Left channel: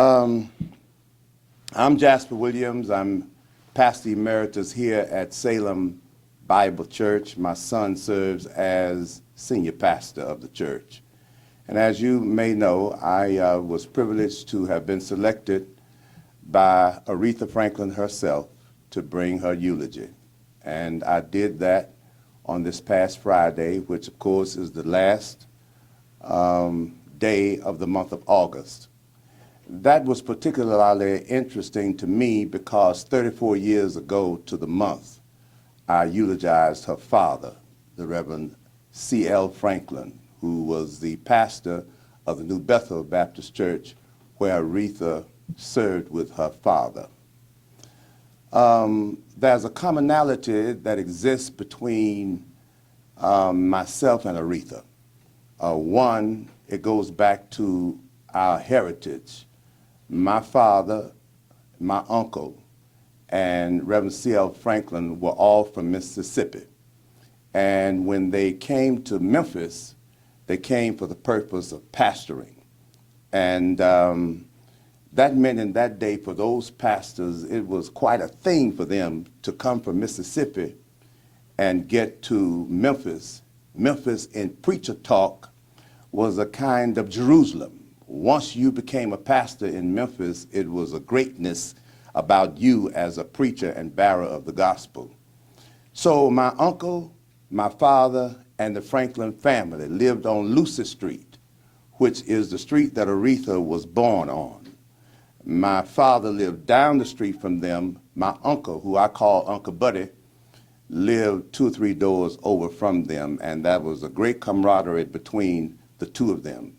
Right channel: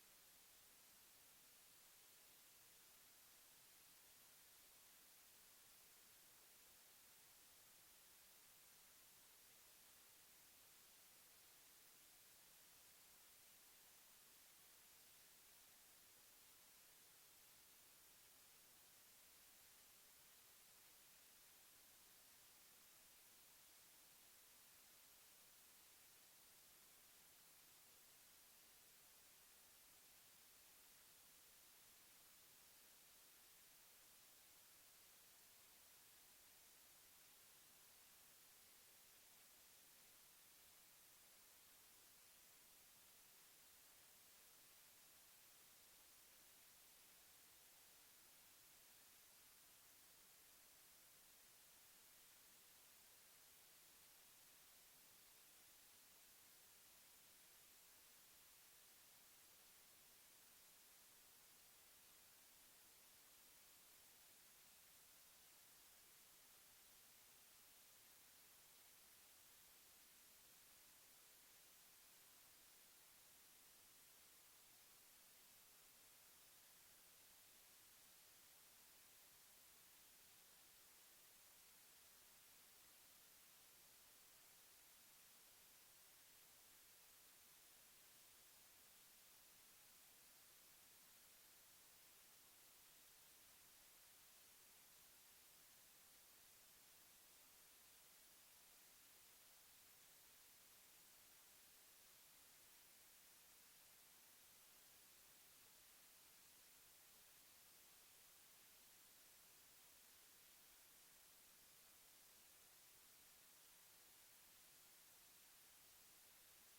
Um, I'm Jasper Williams. I'm pastor emeritus here at Salem Bible Church. My son serves as senior pastor of the church. And as you may know, I was privileged to have been selected by Aretha Franklin herself to bring her eulogy. And I did that on this past Friday, which of course is the last day of the month of August. That was particularly interesting to me because 34 years ago to the month, I eulogized her father, the Reverend C.L. Franklin, who was the pastor of the New Bethel Baptist Church where Aretha served with her father. There's a commonality that exists between myself and Aretha. One, it goes back to our heritage. My father, my uncle, and Reverend C.L. Franklin were all from Mississippi. And when they came to Memphis, they came for the purpose of pastoring. And that meant in that day for those pastors, it was quite a thing for them to come from Mississippi and get to Memphis. Memphis in preacher talk was a kind of Jerusalem. Once you became a pastor in Memphis, it was a greatness about you as a preacher and bearer of the gospel. So my uncle, my father, and the Franklin family lived on Lucy Street, which is the street that Aretha was born on. My father lived down the street from them. My uncle, who I call Uncle Buddy, lived 2 or 3 doors over from them, and that was a great camaraderie between the two of them.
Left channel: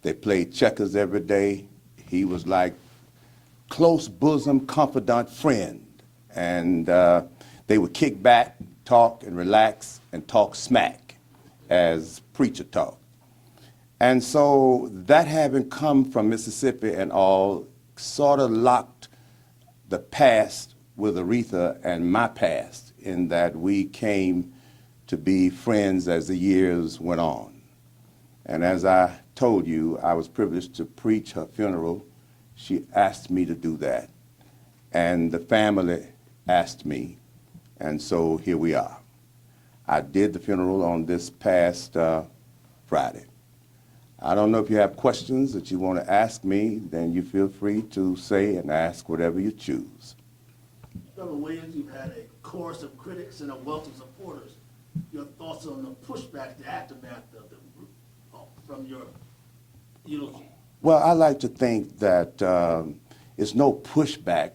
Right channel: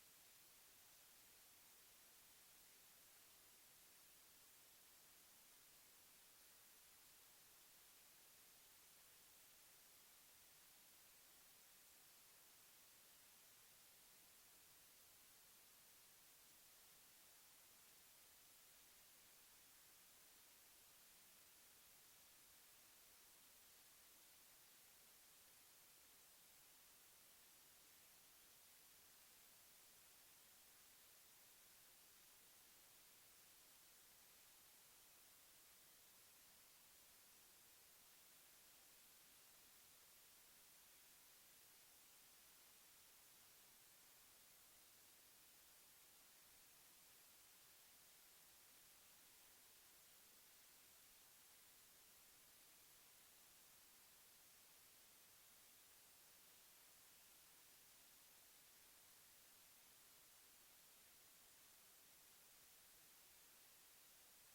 They played checkers every day. He was like close bosom, confidant friend. And they would kick back, talk, and relax, and talk smack as preacher talk. And so that having come from Mississippi and all sort of locked the past with Aretha and my past in that we came to be friends as the years went on. And as I told you, I was privileged to preach her funeral. She asked me to do that. And the family asked me, and so here we are. I did the funeral on this past Friday. I don't know if you have questions that you want to ask me, then you feel free to say and ask whatever you choose. Reverend Williams, you've had a chorus of critics and a wealth of supporters. Your thoughts on the pushback, the aftermath from your eulogy? Well, I like to think that it's no pushback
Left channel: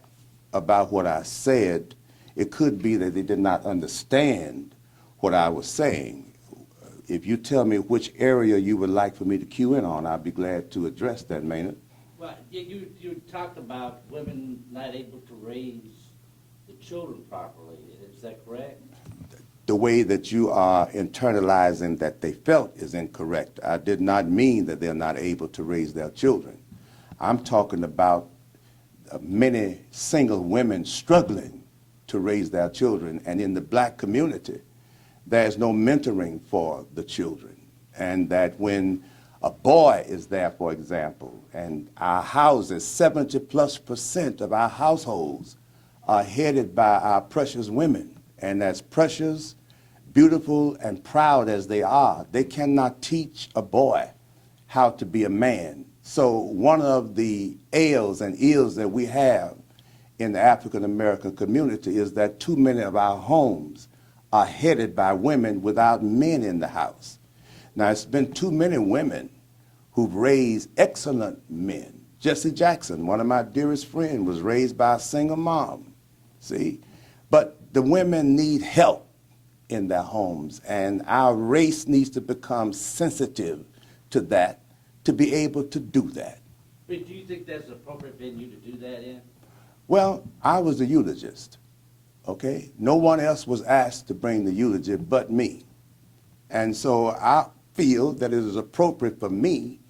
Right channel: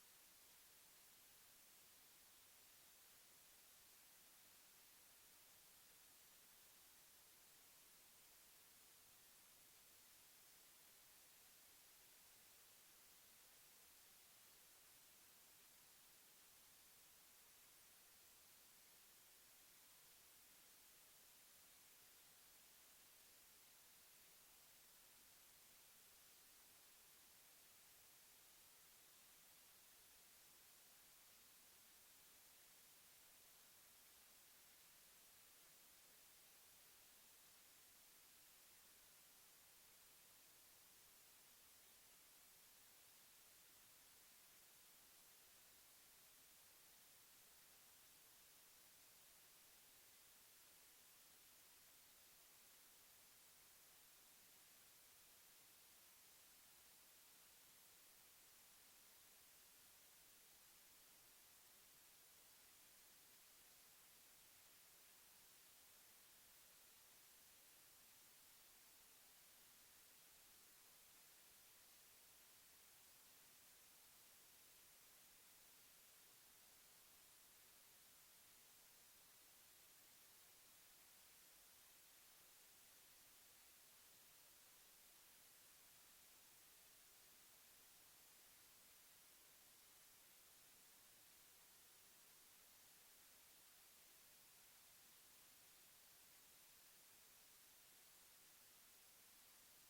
about what I said. It could be that they did not understand what I was saying. If you tell me which area you would like for me to cue in on, I'd be glad to address that, Maynard. Well, you talked about women not able to raise the children properly. Is that correct? The way that you are internalizing that they felt is incorrect. I did not mean that they're not able to raise their children. I'm talking about many single women struggling to raise their children, and in the black community, there's no mentoring for the children. And that when a boy is there, for example, and our houses, 70+% of our households are headed by our precious women. And as precious, beautiful, and proud as they are, they cannot teach a boy how to be a man. So one of the ails and ills that we have in the African American community is that too many of our homes are headed by women without men in the house. Now, it's been too many women who've raised excellent men. Jesse Jackson, one of my dearest friends, was raised by a single mom, see? But the women need help in their homes, and our race needs to become sensitive to that to be able to do that. But do you think that's an appropriate venue to do that in? Well, I was the eulogist, okay? No one else was asked to bring the eulogy but me. And so I feel that it is appropriate for me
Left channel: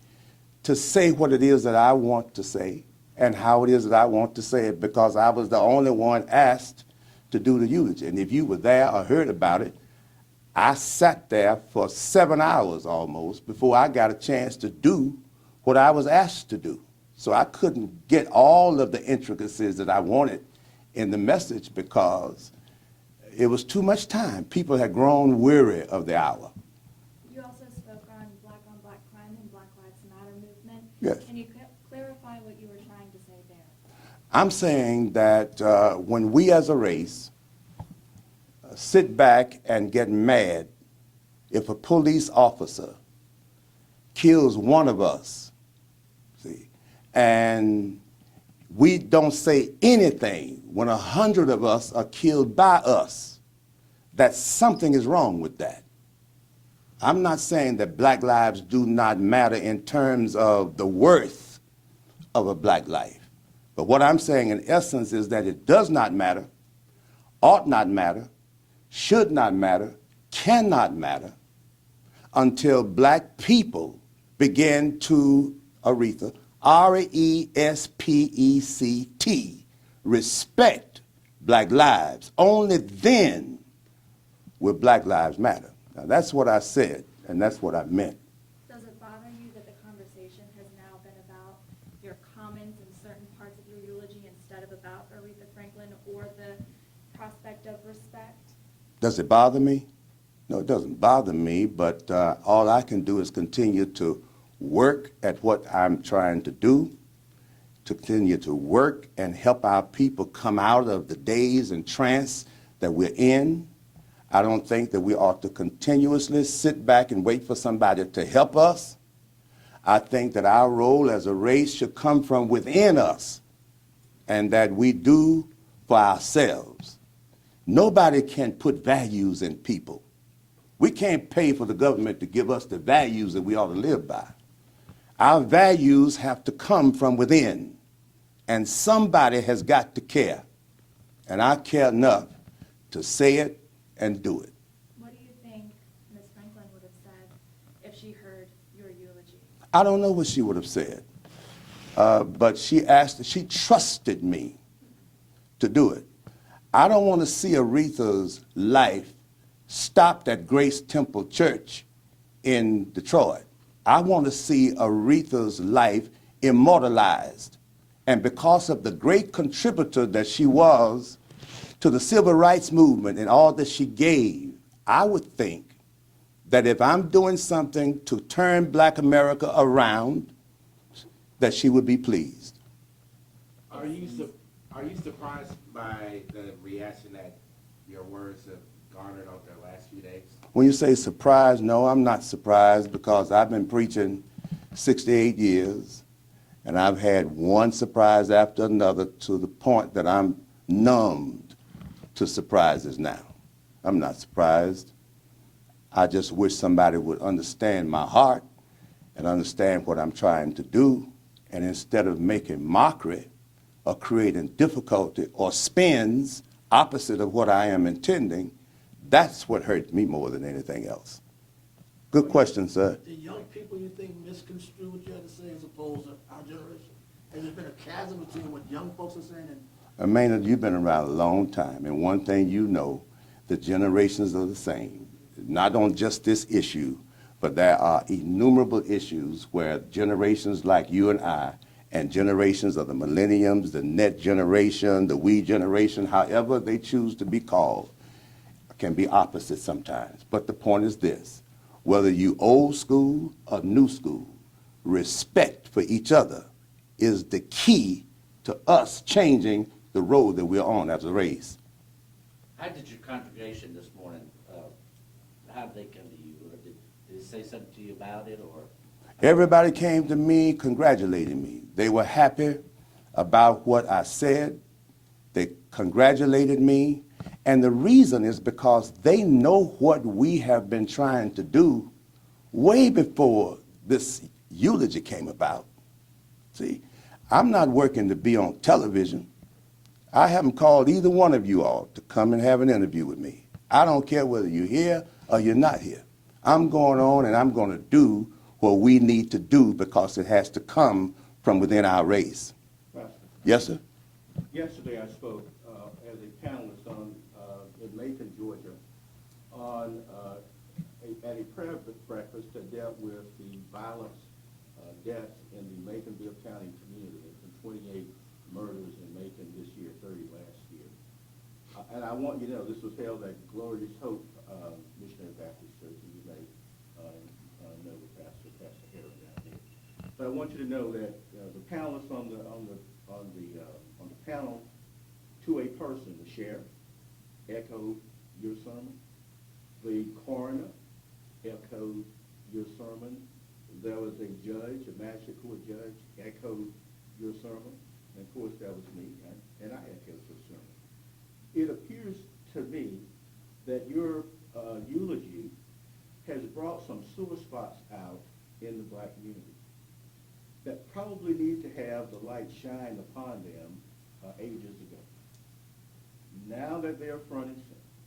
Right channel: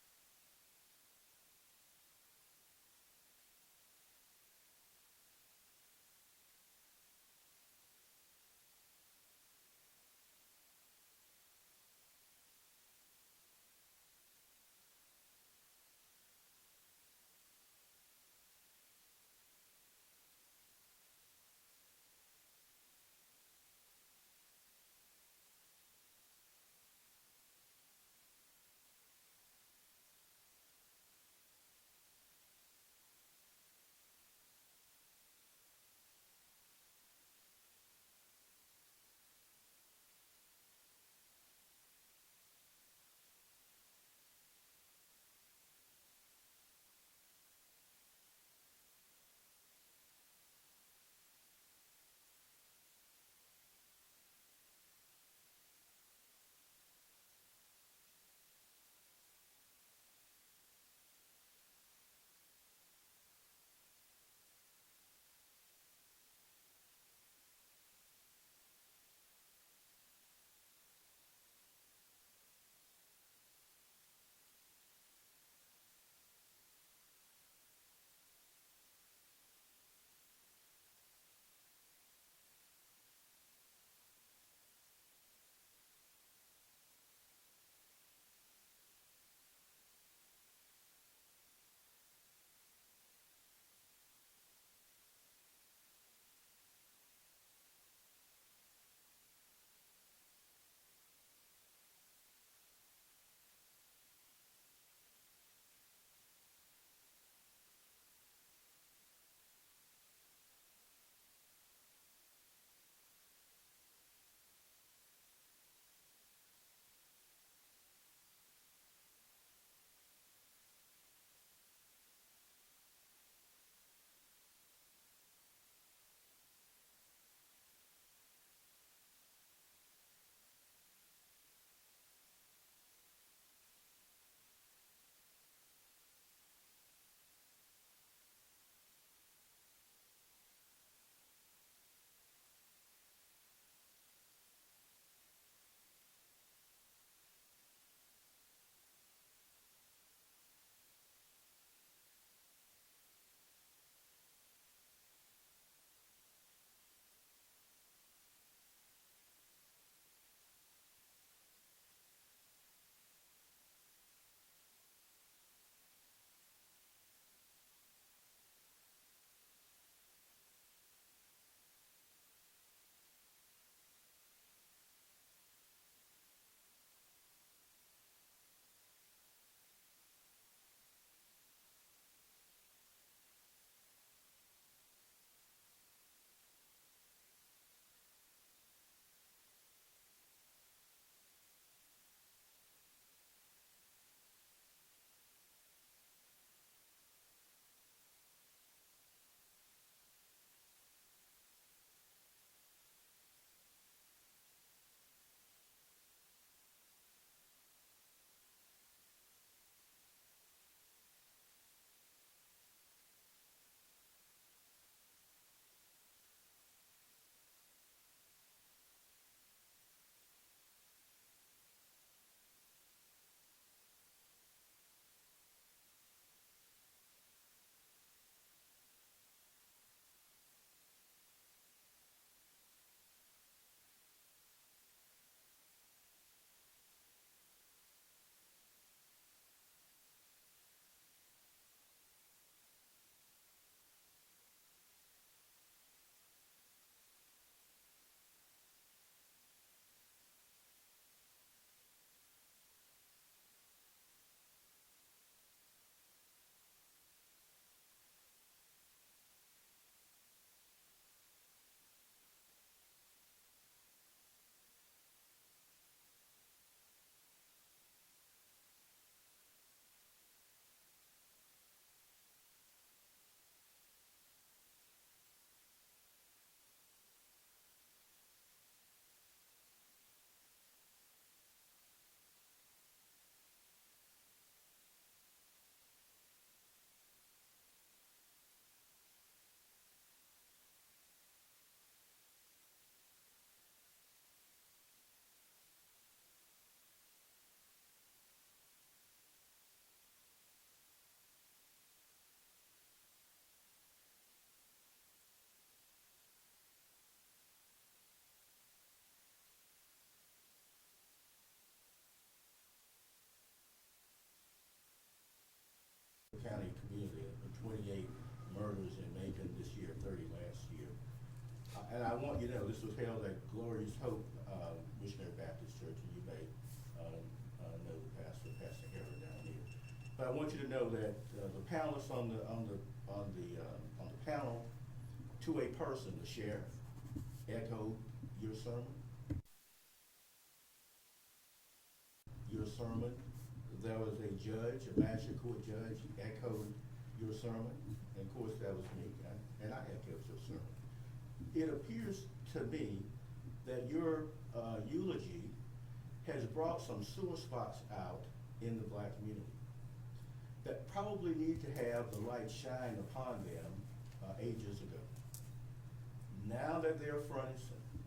to say what it is that I want to say and how it is that I want to say it, because I was the only one asked to do the eulogy. And if you were there or heard about it, I sat there for 7 hours almost before I got a chance to do what I was asked to do. So I couldn't get all of the intricacies that I wanted in the message because it was too much time. People had grown weary of the hour. You also spoke on black crime and Black Lives Matter movement. Yes. Can you clarify what you were trying to say there? I'm saying that when we as a race sit back and get mad if a police officer kills one of us, see, and we don't say anything when 100 of us are killed by us, that something is wrong with that. I'm not saying that black lives do not matter in terms of the worth of a black life. But what I'm saying in essence is that it does not matter, ought not matter, should not matter, cannot matter until black people begin to, Aretha, R-E-S-P-E-C-T, respect black lives. Only then will black lives matter. Now that's what I said, and that's what I meant. Does it bother you that the conversation has now been about your comments in certain parts of your eulogy instead of about Aretha Franklin or the prospect of respect? Does it bother me? No, it doesn't bother me, but all I can do is continue to work at what I'm trying to do, to continue to work and help our people come out of the daze and trance that we're in. I don't think that we ought to continuously sit back and wait for somebody to help us. I think that our role as a race should come from within us and that we do for ourselves. Nobody can put values in people. We can't pay for the government to give us the values that we ought to live by. Our values have to come from within, and somebody has got to care. And I care enough to say it and do it. What do you think Ms. Franklin would have said if she heard your eulogy? I don't know what she would have said, but she trusted me to do it. I don't want to see Aretha's life stopped at Grace Temple Church in Detroit. I want to see Aretha's life immortalized. And because of the great contributor that she was to the civil rights movement and all that she gave, I would think that if I'm doing something to turn black America around, that she would be pleased. Are you surprised by the reaction that your words have garnered over the last few days? When you say surprised, no, I'm not surprised because I've been preaching 68 years and I've had one surprise after another to the point that I'm numbed to surprises now. I'm not surprised. I just wish somebody would understand my heart and understand what I'm trying to do, and instead of making mockery or creating difficulty or spins opposite of what I am intending, that's what hurt me more than anything else. Good question, sir. The young people you think misconstrue what you had to say as opposed to our generation? Has there been a chasm between what young folks are saying and Maynard, you've been around a long time, and one thing you know, the generations are the same. Not on just this issue, but there are innumerable issues where generations like you and I, and generations of the millenniums, the net generation, the we generation, however they choose to be called, can be opposite sometimes. But the point is this: whether you old school or new school, respect for each other is the key to us changing the road that we're on as a race. How did your congregation this morning, how did they come to you? Or did they say something to you about it, or? Everybody came to me congratulating me. They were happy about what I said. They congratulated me. And the reason is because they know what we have been trying to do way before this eulogy came about. See, I'm not working to be on television. I haven't called either one of you all to come and have an interview with me. I don't care whether you're here or you're not here. I'm going on and I'm going to do what we need to do because it has to come from within our race. Pastor, Yes, sir? yesterday I spoke as a panelist in Macon, Georgia, at a prayer breakfast that dealt with the violence deaths in the Maconville County community. I want you to know, this was held at Glorious Hope Missionary Baptist Church, and you may know Pastor Harry down here. But I want you to know that the panelists on the panel, to a person, the sheriff echoed your sermon. The coroner echoed your sermon. There was a judge, a magistrate court judge, echoed your sermon. And of course, that was me, and I echoed your sermon. It appears to me that your eulogy has brought some sore spots out in the black community that probably need to have the light shine upon them ages ago. Now that they're front and center,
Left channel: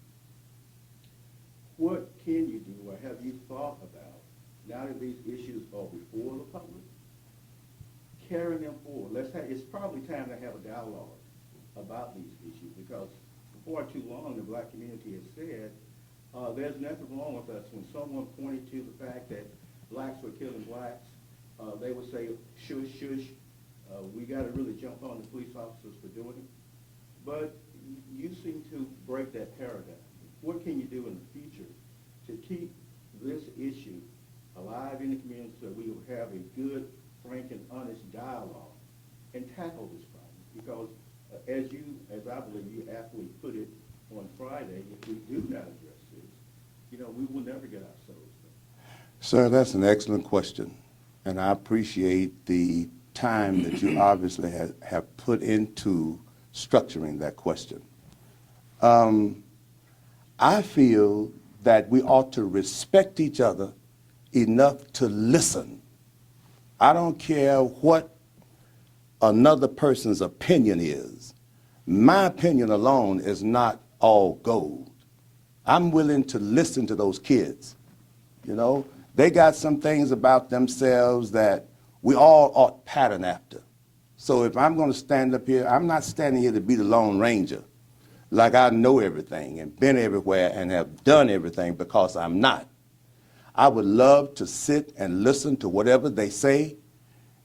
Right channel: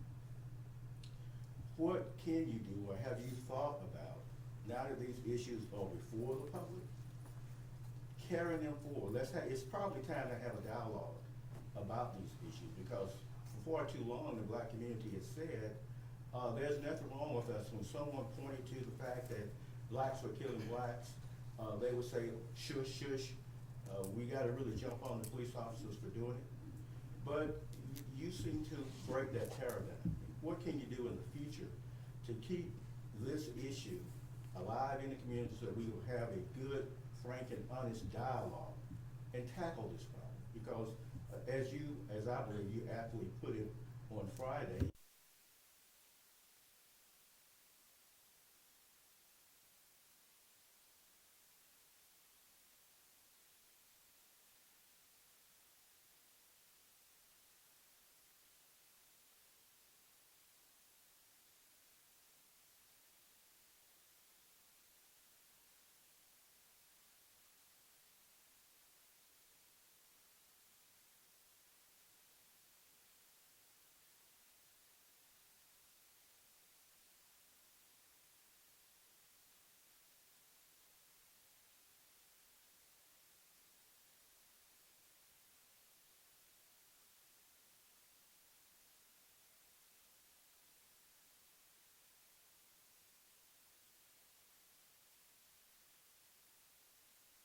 what can you do, or have you thought about, now that these issues are before the public, carrying them forward? It's probably time to have a dialogue about these issues, because for far too long the black community has said there's nothing wrong with us. When someone pointed to the fact that blacks were killing blacks, they would say, shush, shush, we got to really jump on the police officers for doing it. But you seem to break that paradigm. What can you do in the future to keep this issue alive in the community so that we will have a good, frank, and honest dialogue and tackle this problem? Because as I believe you aptly put it on Friday, if we do not address this, we will never get our souls done. Sir, that's an excellent question, and I appreciate the time that you obviously have put into structuring that question. I feel that we ought to respect each other enough to listen. I don't care what another person's opinion is. My opinion alone is not all gold. I'm willing to listen to those kids. They got some things about themselves that we all ought pattern after. So if I'm going to stand up here, I'm not standing here to be the Lone Ranger, like I know everything and been everywhere and have done everything, because I'm not. I would love to sit and listen to whatever they say.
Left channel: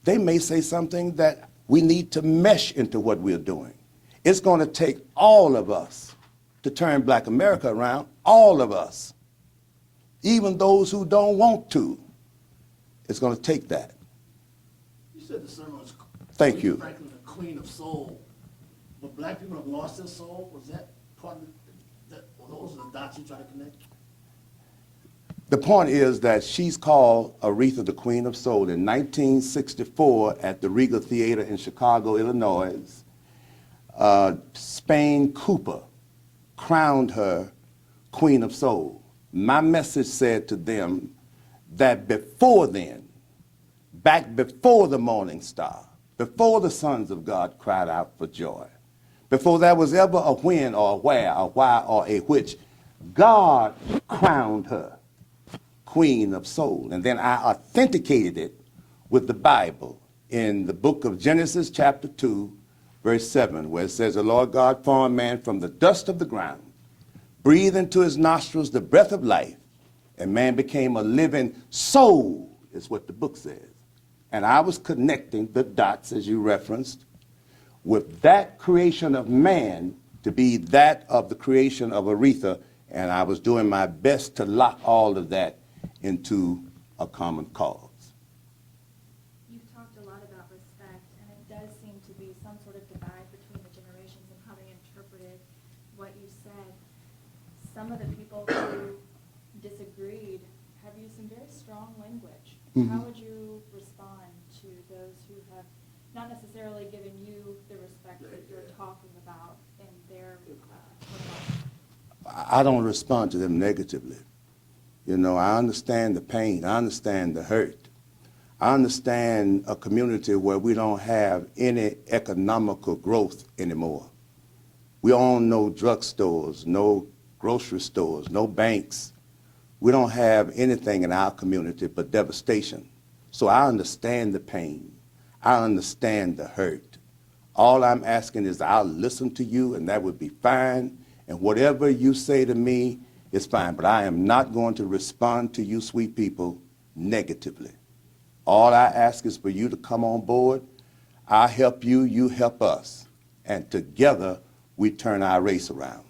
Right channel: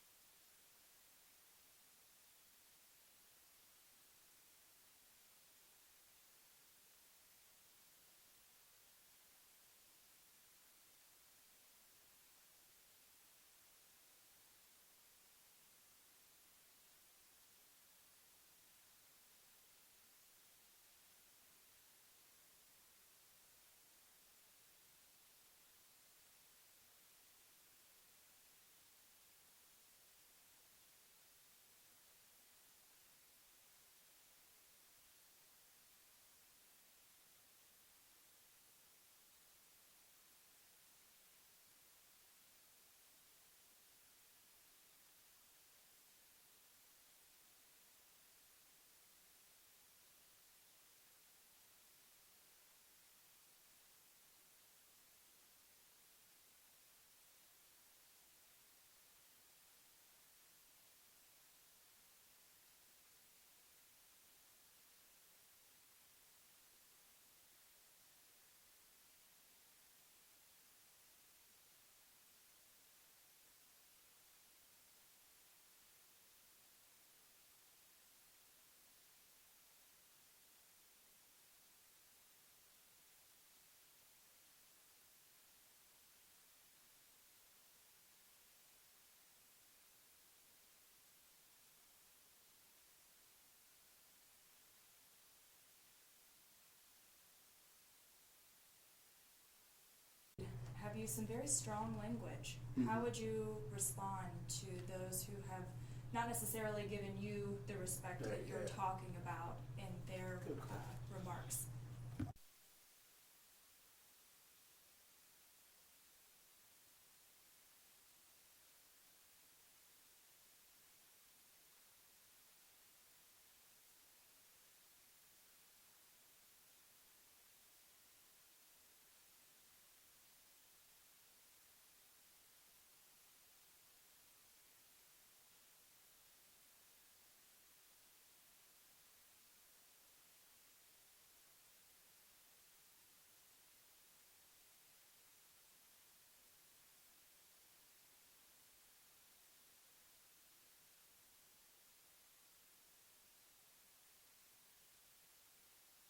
They may say something that we need to mesh into what we're doing. It's going to take all of us to turn Black America around, all of us, even those who don't want to. It's going to take that. You said the sermon was Thank Aretha you. Franklin, the queen of soul. But black people have lost their soul. Was that part of that? Or those are the dots you try to connect? The point is that she's called Aretha the Queen of Soul. In 1964 at the Regal Theater in Chicago, Illinois, Spain Cooper crowned her Queen of Soul. My message said to them that before then, back before the morning star, before the sons of God cried out for joy, before there was ever a when or a where, a why or a which, God crowned her Queen of Soul. And then I authenticated it with the Bible in the book of Genesis chapter 2, verse 7, where it says, the Lord God formed man from the dust of the ground, breathed into his nostrils the breath of life, and man became a living soul, is what the book says. And I was connecting the dots, as you referenced, with that creation of man to be that of the creation of Aretha, and I was doing my best to lock all of that into a common cause. You've talked a lot about respect, and it does seem to be some sort of divide between the generations and how they interpreted what you said. Some of the people who disagreed have used some very strong language. How would you respond to those who have not necessarily given you the respect that you're talking about in their remarks? I don't respond to them negatively. I understand the pain. I understand the hurt. I understand a community where we don't have any economical growth anymore. We own no drugstores, no grocery stores, no banks. We don't have anything in our community but devastation. So I understand the pain. I understand the hurt. All I'm asking is I'll listen to you, and that would be fine. And whatever you say to me is fine. But I am not going to respond to you, sweet people, negatively. All I ask is for you to come on board. I help you, you help us. And together, we turn our race around.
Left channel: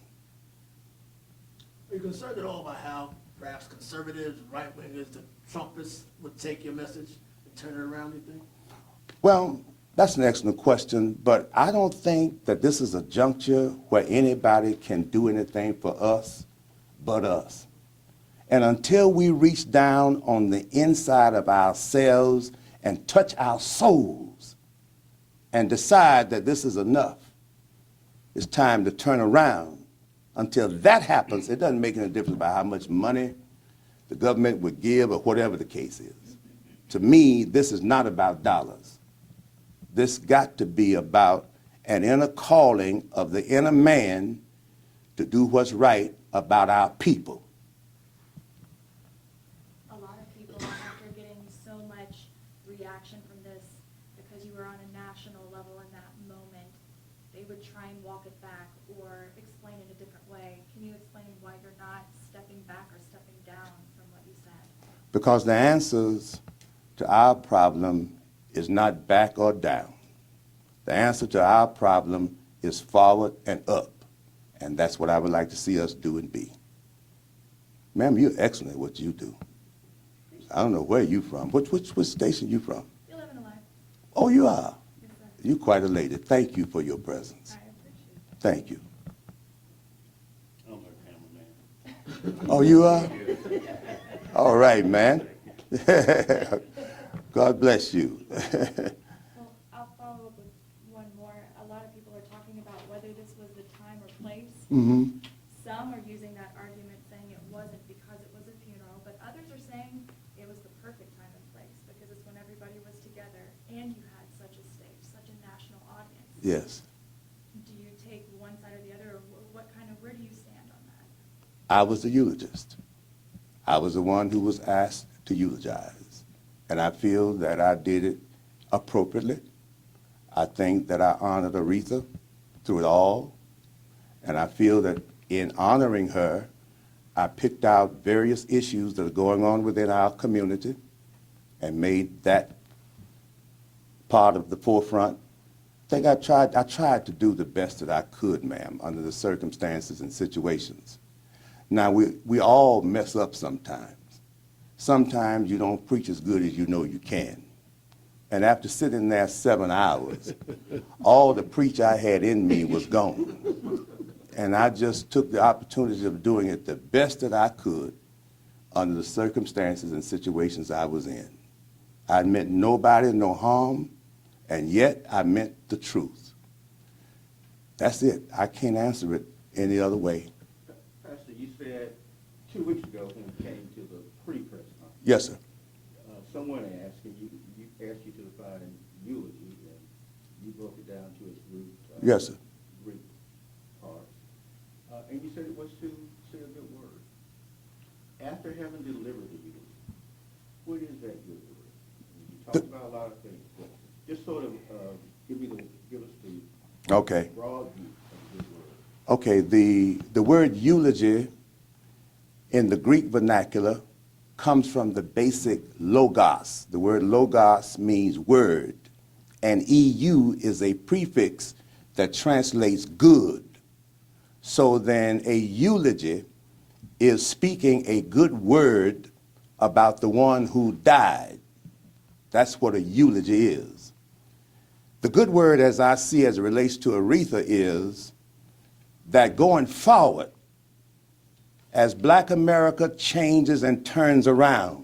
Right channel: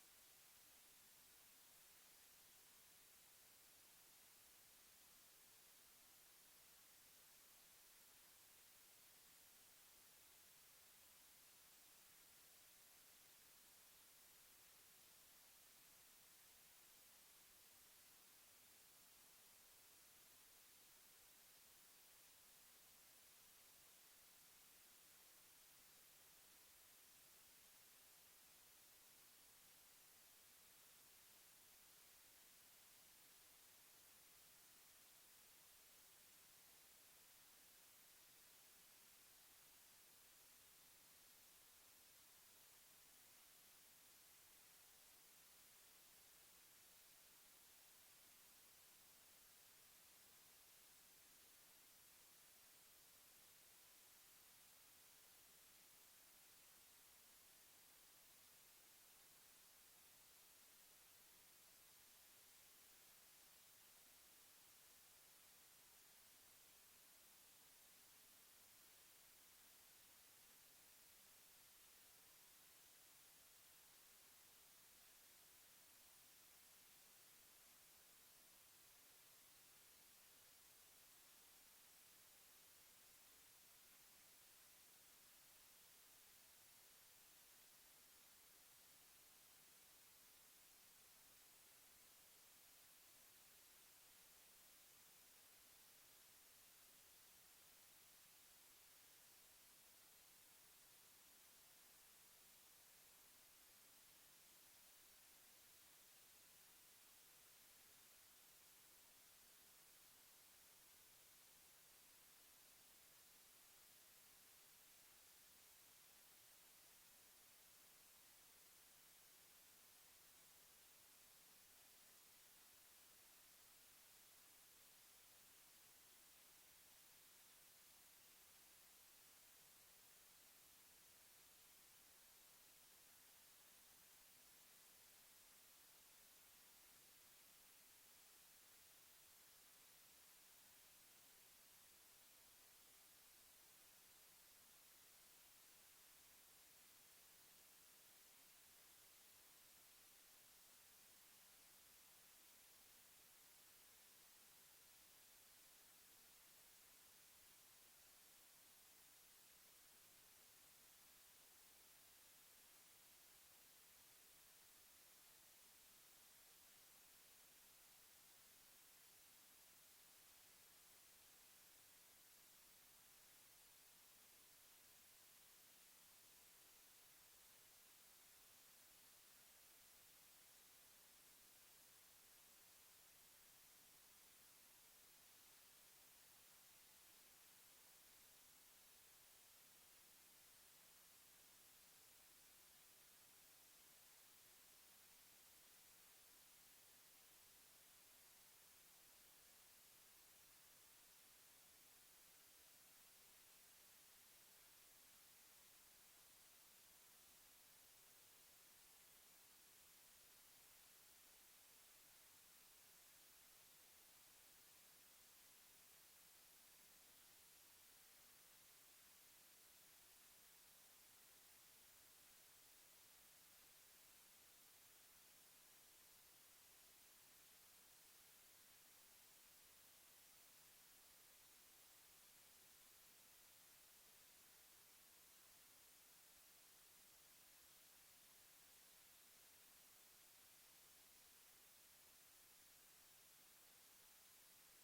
Are you concerned at all about how perhaps conservatives, right-wingers, the Trumpists would take your message and turn it around, you think? Well, that's an excellent question, but I don't think that this is a juncture where anybody can do anything for us but us. And until we reach down on the inside of ourselves and touch our souls and decide that this is enough, it's time to turn around. Until that happens, it doesn't make any difference about how much money the government would give or whatever the case is. To me, this is not about dollars. This got to be about an inner calling of the inner man to do what's right about our people. A lot of people, after getting so much reaction from this, because you were on a national level in that moment, they would try and walk it back or explain it a different way. Can you explain why you're not stepping back or stepping down from what you said? Because the answers to our problem is not back or down. The answer to our problem is forward and up. And that's what I would like to see us do and be. Ma'am, you're excellent at what you do. I don't know where you're from. Which station you from? You live in a life. Oh, you are. Yes, sir. You're quite a lady. Thank you for your presence. I appreciate it. Thank you. I'm a cameraman. Oh, you are? All right, man. God bless you. Well, I'll follow up with one more. A lot of people are talking about whether this was the time or place. Mm-hmm. Some are using that argument saying it wasn't because it was a funeral, but others are saying it was the perfect time and place because it's when everybody was together and you had such a stage, such a national audience. Yes. Do you take one side or the other, or where do you stand on that? I was the eulogist. I was the one who was asked to eulogize. And I feel that I did it appropriately. I think that I honored Aretha through it all. And I feel that in honoring her, I picked out various issues that are going on within our community and made that part of the forefront. I think I tried to do the best that I could, ma'am, under the circumstances and situations. Now, we all mess up sometimes. Sometimes you don't preach as good as you know you can. And after sitting there 7 hours, all the preach I had in me was gone. And I just took the opportunity of doing it the best that I could under the circumstances and situations I was in. I meant nobody no harm, and yet I meant the truth. That's it. I can't answer it any other way. Pastor, you said 2 weeks ago when we came to the pre-press conference, Yes, sir. someone asked, and you asked you to define eulogy, and you broke it down to its root. Yes, sir. Greek part. And you said it was to say a good word. After having delivered the eulogy, what is that good word? You talked about a lot of things, but just sort of give us the Okay. broad view of the good word. Okay, the word eulogy in the Greek vernacular comes from the basic logos. The word logos means word, and EU is a prefix that translates good. So then a eulogy is speaking a good word about the one who died. That's what a eulogy is. The good word, as I see as it relates to Aretha, is that going forward, as Black America changes and turns around,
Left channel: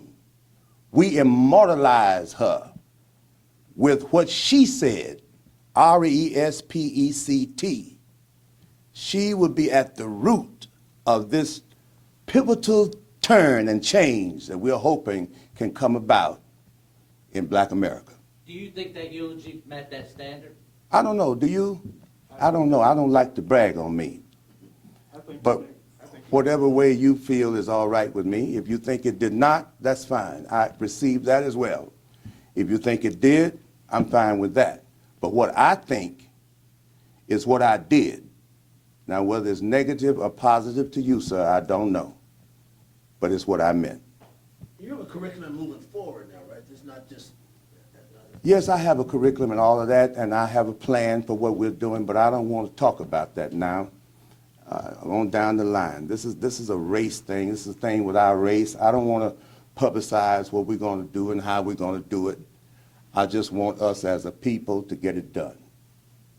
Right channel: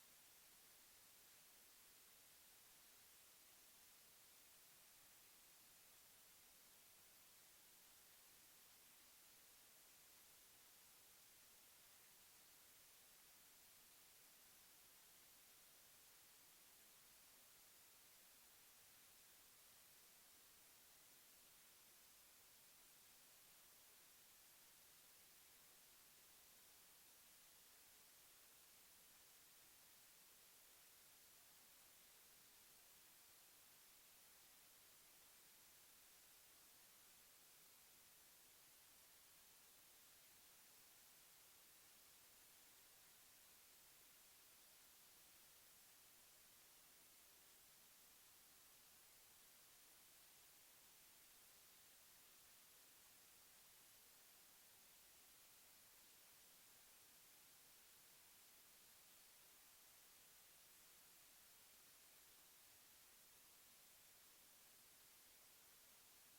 we immortalize her with what she said, RESPECT. She would be at the root of this pivotal turn and change that we're hoping can come about in Black America. Do you think that eulogy met that standard? I don't know, do you? I don't know, I don't like to brag on me. But whatever way you feel is all right with me. If you think it did not, that's fine. I received that as well. If you think it did, I'm fine with that. But what I think is what I did. Now, whether it's negative or positive to you, sir, I don't know. But it's what I meant. You have a curriculum moving forward now, right? It's not just. Yes, I have a curriculum and all of that, and I have a plan for what we're doing, but I don't want to talk about that now. on down the line. This is a race thing. This is a thing with our race. I don't want to publicize what we're going to do and how we're going to do it. I just want us as a people to get it done.